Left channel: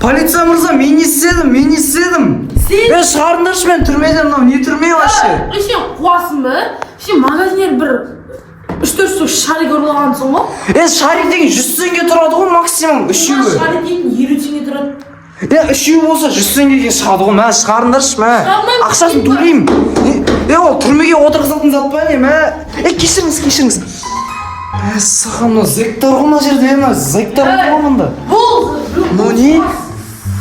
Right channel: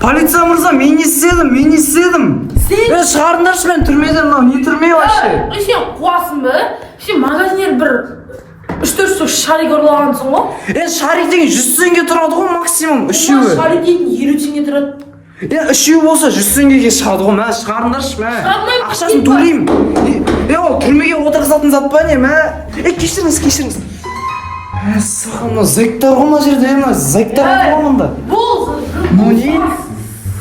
Полиция мырза, мен не істедім. Сен шығарыңдаршы мен түрмеден, мынау не түрме вообще? Сен қуасың ба? Сен магазинер бір 3-4 штук шарик ұрлағансың ғой? Шарик деген 100 теңге тұрады ғой максимум, үшеуі. Шарик деген 50 теңге тұрады. Үшеуі болса 100 теңгеге шығады ғой, мә шығарыңдаршы, мә. Ақшасын төлеймін. Ол түрмеге отырғызатын зат па не, мә? Кешіріңіз. Саған зектар ғой мына жерде, мына зектар ғой мында. Ну не?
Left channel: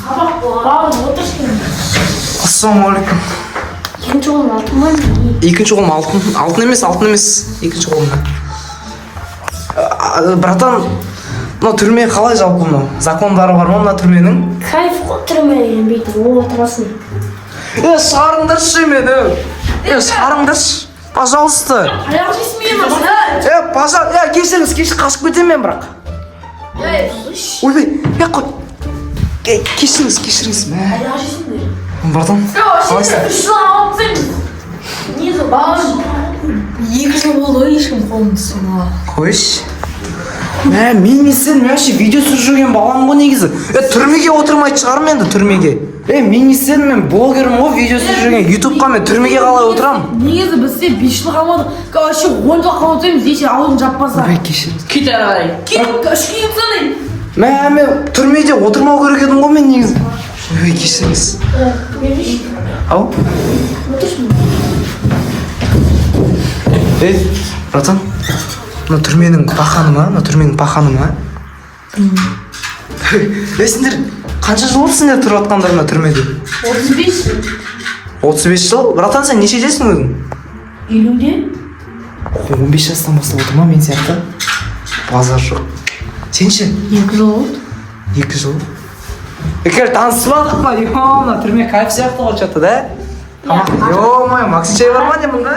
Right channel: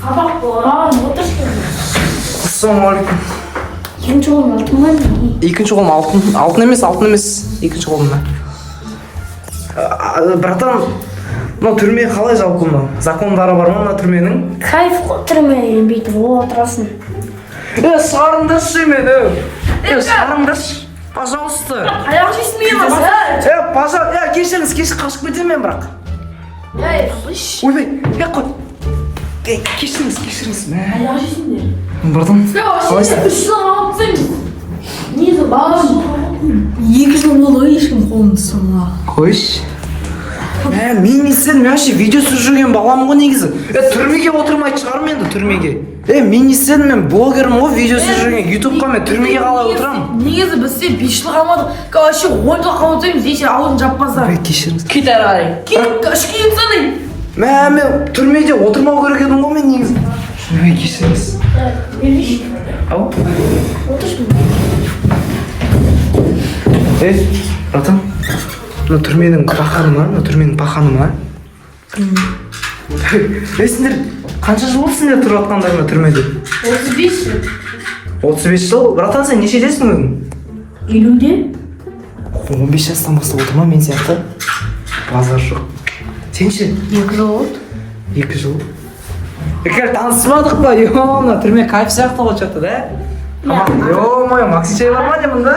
Сабақ болар, отыршы. Ассалаумағалейкум. Екінші қолым алтын ба? Екінші қолым алтын емес, екінші қолымда. Братан, мына түрме қалай жалпы мына? Закондары бар ма мына түрменің? Кайф қой түрме, бүйтіп отырасың. Шығарыңдаршы мені. Шығарыңдаршы, пожалуйста. Аяқ жейсің мен ба? Пожалуйста, кешіріңіз, қашып кетемін мен бірақ. Ойбай, қой. Кешіріңіз, мә. Аяқ жейсің бе? Братан, қалайсың? 3 жыл алып тастаймыз. Несі балашы? 2 жыл болды ғой ешкім қолын тұсыма. Қойшы. Мен не істедім, мен вообще видео түсіріп жүрген балам ғой негізі. Түрмеге отырмайды шығармын енді түрмеге. Мен не істедім, мен блогерім ғой, видео түсіріп жүрген. ютубқа мен түрмеге қалай отырамын? Негізі бізде 5 жыл қалмадық. Вообще 10 жыл қалмадық, ешен аузын жаппаса. Кешіріңіз. Кет әрай. Кет санай. Мен түрмеде отырмау керек едім ғой мен негізі. Кешіріңіз. Ау? Братан, мына түрменің паханы ма? Сендер қанша жыл болды сендер тұрып атқандар мына түрмеде? 35 жыл. 35 жыл? Братан, сен нешедесің өзің? 50-де. 15 жастан бастап отырма мен сияқты? Базар жоқ. Сен ше? 2 жыл болды. 2 жыл? Таныспадық па? Мына түрме кайф сияқты ғой что-то, да? Ё-моё, Максим чай бар ма деймін, да?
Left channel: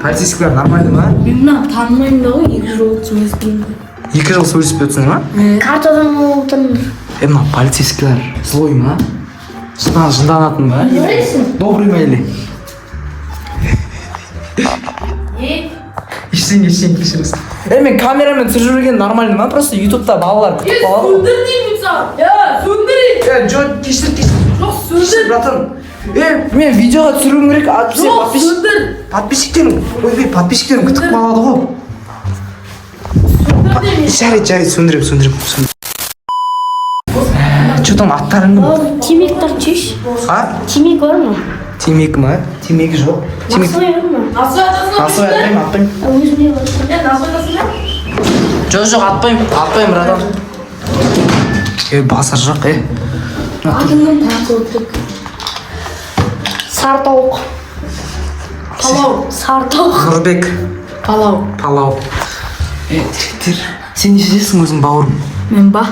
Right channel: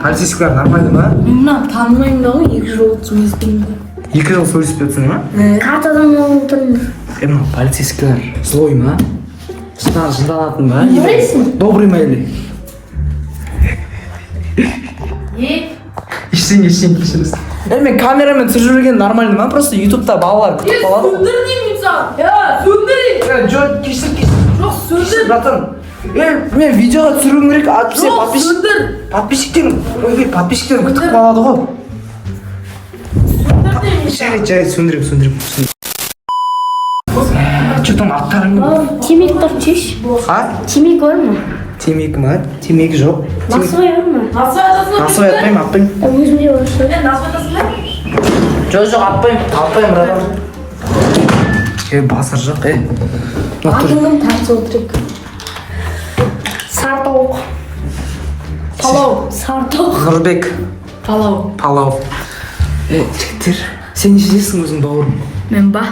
Полицейскілер нормально ма? Мен мына танымаймын да ғой, 2 жыл болды сөйлескенде. 2 жыл сөйлеспей отырсың ма? Картадан отырмын. Мына полицейскілер злой ма? Жынданатын ба? Добрый ма или? Ештеңе кешіріңіз. Мен камерамен түсіріп жүрген нормально ма? Просто ютубта балалар күтіп қалады. Сөндір деймін саған. Сөндір. Жоқ, кешір. Жоқ, сөндір. Братан, мен видеоға түсіруім керек, подписчиктерім күтіп қалады ғой. Жарайды, сөндірем. Че там аттарың? Темек тартшиш. Темек бар ма? Темек ма? Темек жоқ. Насвай бар ма? Насвай атпаймын, Өзімде бар. Жоқ, атпаймын, братан. Басар жоқ, Атының тартып өттік. Сартауық. Палау. Сартауық. Нұрбек. Палау. Жігіттер, сен нешедесің өзің бауырым? Мен ба?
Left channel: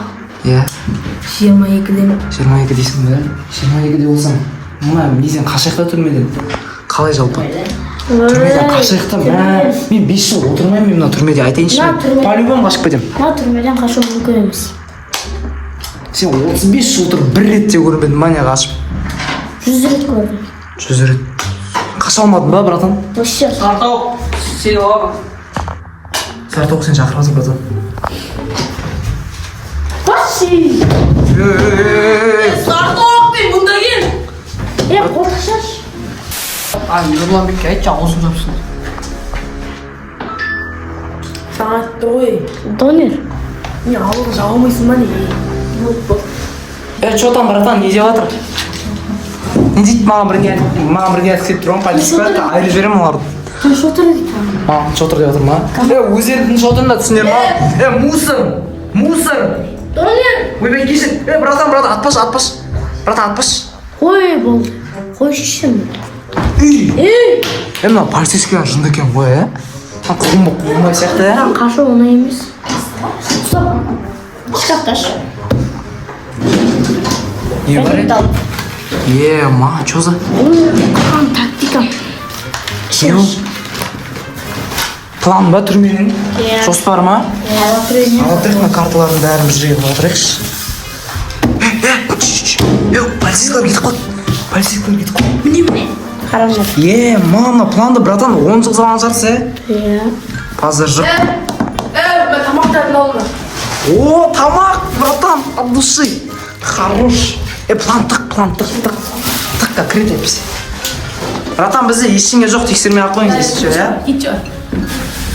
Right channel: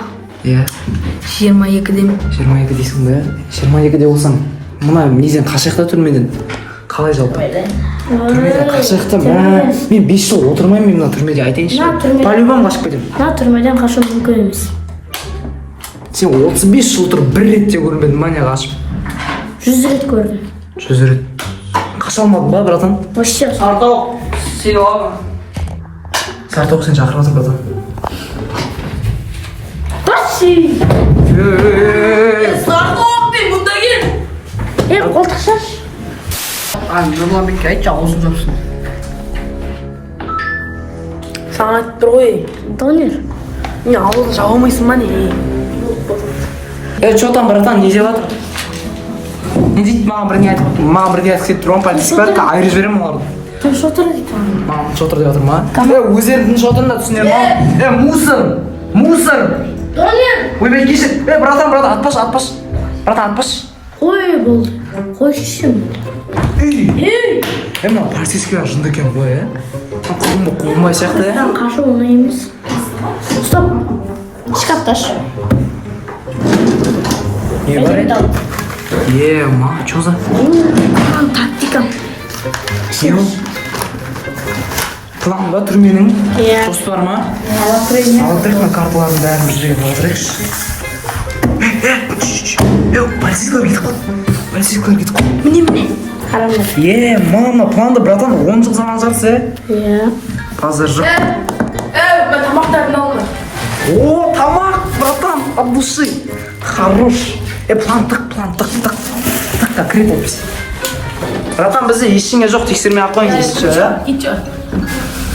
22-демін. 22 дейсің бе? 22-де болсаң, мына неден қашайықта түрмеден? Қалай жалпы? Түрмеден қашайықта, мен 5 жыл отырмаймын мына түрмеде, айтайыншы. По-любому қашып кетемін. Мына түрмеден қашу мүмкін емес. Сен 35 жыл тұрып бір ретте көрінбедің ба не қашып? 100 рет көрдім. 100 рет. Қаша алмадың ба, братан? Вообще. Сартауық, сен оғам. Сартауық сен шақырасың, братан. Баси! Сартауық мен мұнда кел. Қолтық шаш. Нұрланбекке айтшы, аузын жапсын. Саған айтып тұр ғой. Донер. Мен аузын жабылмайсың ба не? Что там, братан, не деп жатыр? Не дейді, маған бірге айтып кетіп тұрған полицейскілер, айырып жіберемін оларды. Тыныш отыр дейді. Маған шотыр деп жатыр ма? Өздерінің шотырында түсінер ма? Мусор! Донер! Ойбай, кешір! Братан, атпаш! Братан, атпаш! Қой болды. Қой шешім. Мына полицейскілер жынды екен ғой, қуғынбай сияқты, Қашу оңай емес. Шкафташ. Не бар ма, чё за? Тактика. Не ол? План ба түрменің? Жоспар ма? Алатырық на карталардың бәрін бір жерге алатырықшы. Полицейскілер кетіп қой. Міне. Мама, планды, братан, 10 жыл заман жарсы, Иә. Пазар жоқ. Мен тамақтарын алдым. О, тамақ, братан, от души. Хорош. Плантық, тыққа кірет әпсі. Братан, бізде ештеңе жоқ, тексермей ақ қойың дейсіз, Кетші.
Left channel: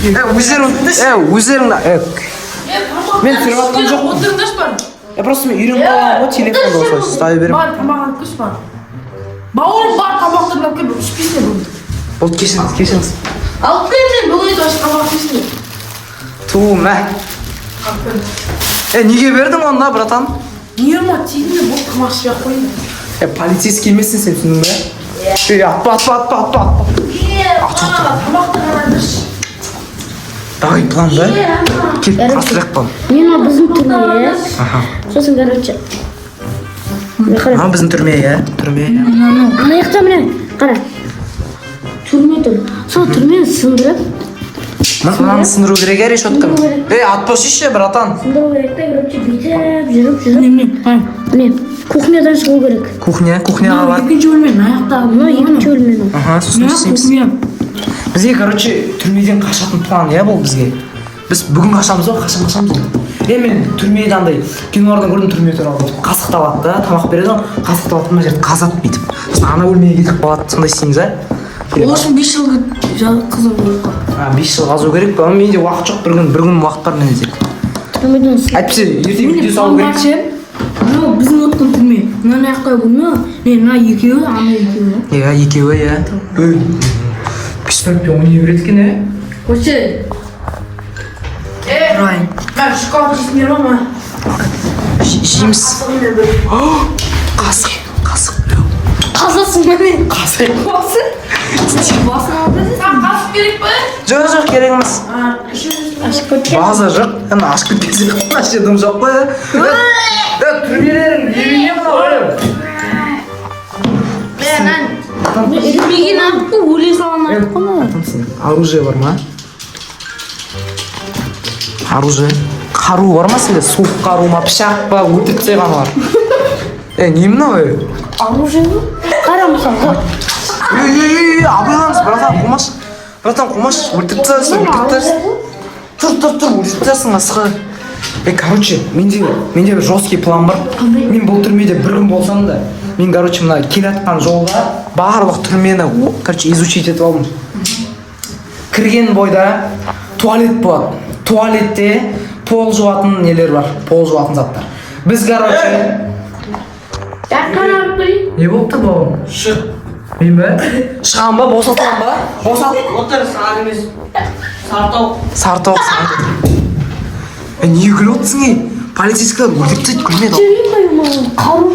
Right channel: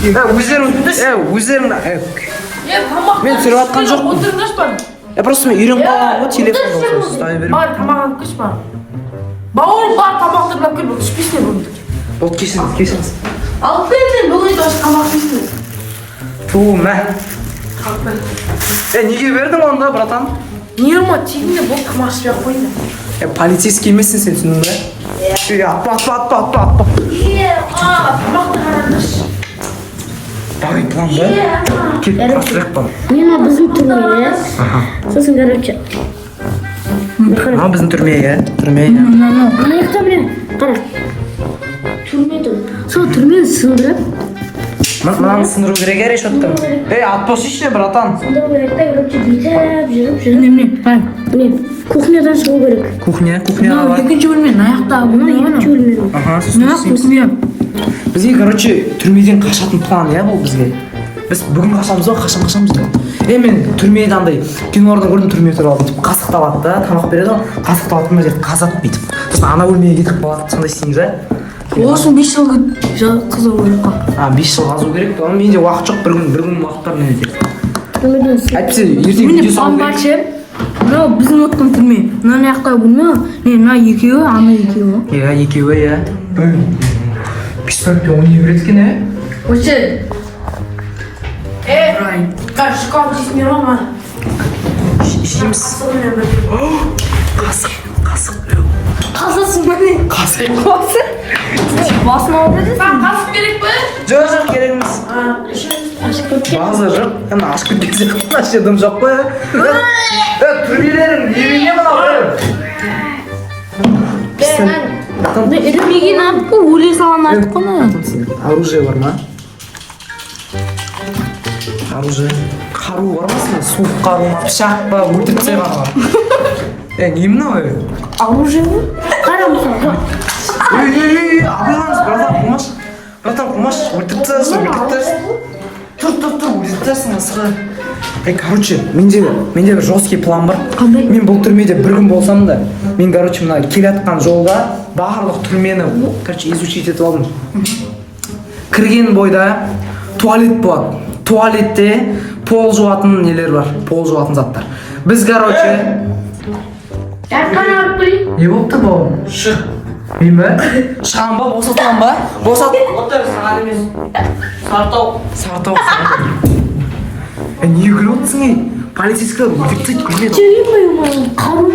өздерің мен түсіріп атқан жоқпын. Отырғыш бар. Просто мен үйреніп қалғанмын ғой, телефонды осылай ұстай беремін. Бар, тамақ алып кеш бар. Бауырым бар, тамақты алып кел, ішпесіне болды. Болды, кешіріңіз. Алып бердім, бұл еді осы тамақ ішпесіне. Мә. Неге бердің онда, братан? Не ма, тегіне бұл тамақ ішпей қойды. Полицейский емессің сен, түсіндің бе? Атпа. Давай, план, да? Кет, асырақ план. Мен біздің түрме, сосын короче. Біздің түрме, түрме. Ана жақта міне, қара. Түрме тұр. Сол түрмені сындырып. Мынаны сындыру керек решетканы. Атпасышы, братан. Сындыру керек та, короче, бүйтіп жүріп. Міне, кухнядан шығу керек. Кухняға бар. Екінші бөлмен, аяқта. Екінші бөлмеден. Сосын істейміз. Бізге, короче, түрмеден қашатын план, бұл бізге. Біз бүгін қашамыз ба, қашамыз ба? Мен түрмеде андай кинолардан көрдім, түрме туралы бүйтіп қасық алады да, тамақ береді ғой, қасық алады мына жерді қазады бүйтіп. Сосын ана бөлмеге кетіп қалады, сондай істейміз, Ол үшін 5 жыл қызу керек. 5 жыл қазу керек па? Менде уақыт жоқ, бір күн уақыт бар менде тек. Әйтпесе ертең видео салу керек. Мынау біздің өткен түрме. Мына аяқта бөлме, мына екеуі, ана екеуі. Екеуі. Пистолетпен ойнай береді екен, Вообще. Райан, мен шоколад жейсің бер ма? Жейміз. Қасық. Қазасын бөлме. Қасық. Басын алып бересің. Қасық керек пе? Жоқ, керек емес. База жоқ. Ашып кетпесе қана жердім жоқ қой. Түрмелерің неге мына қойып? Үйген алып қой, өле салған алып қой. Оружие бар ма? Оружие? Қару бар ма сенде? Суық қару ма? Пышақ па? Өлтіріп тастайған бар. Не мынау? Оружие ма? Қара мысалы. Абайлаңыз, братан, қумаш. Өлтіріп тастайсың. Тұр, өлтіріп тастайсың, асқы. Короче, менде бір жесткий план бар. Мен бұл түрмеде бір күн болсам да, мен, короче, мына келатқан жолда барлық түрмені, короче, изучить етіп алдым. Кірген бойда туалет болады. Туалетте пол жуатын нелер бар, пол жуатын заттар. Біз, короче... Не болып тұр бауырым? Шық. Мен бе? Шығам ба? Босатылам ба? Отыр, сары емес. Сартау. Не күліп отырсың, полицейскілер өлтіріп тастайды, күлмеді. Жүрейін ба, қару ма?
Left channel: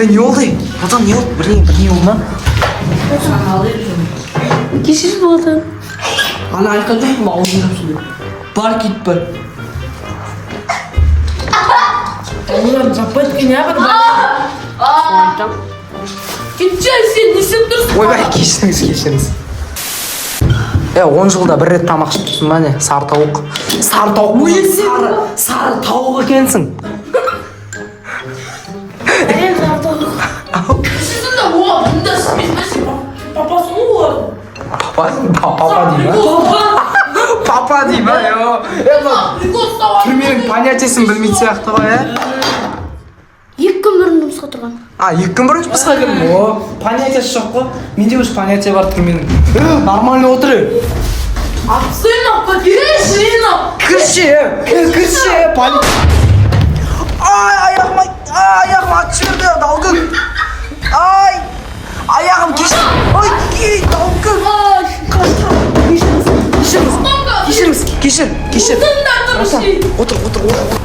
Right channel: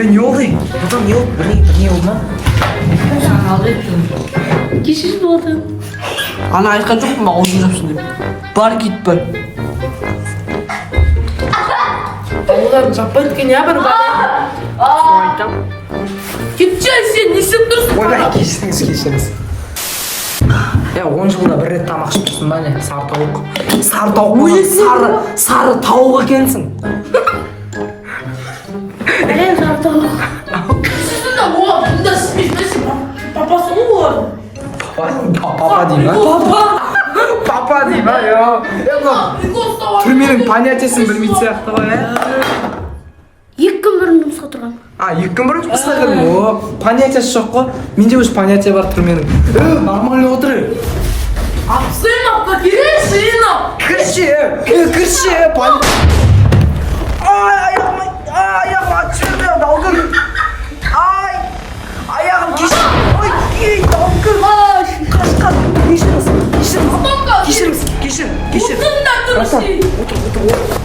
Не болды? Братан, не болды? Бірдеңе болды ма? Кешірім болады. Ана айтқан жоқ ма, ойын жоқсың. Бар кетпі. Олар жаппайды екен, я бір бар. Кетші, сен не істеп тұрсың? Ойбай, кешіріңіз. 10 жылда бір рет тамақ ішіп тұрсың ба, не? Сары тауық. Сары тауық екенсің. Сіздің де мұнда ішпейсің, папасы ғой олар. Папа дей ма? Папа дей ма? Түрменің понятиесін білмейді сияқты ғой, 2 күн бұрын жұмысқа тұрған. 2 күн бұрын жұмысқа кірдім. Понятиясы жоқ қой. Менде өз понятия бар түрменің. Нормально отыр. Сынап, Кірші. Аяғым атып жіберді, далгын. Аяғым кешір. Отыр.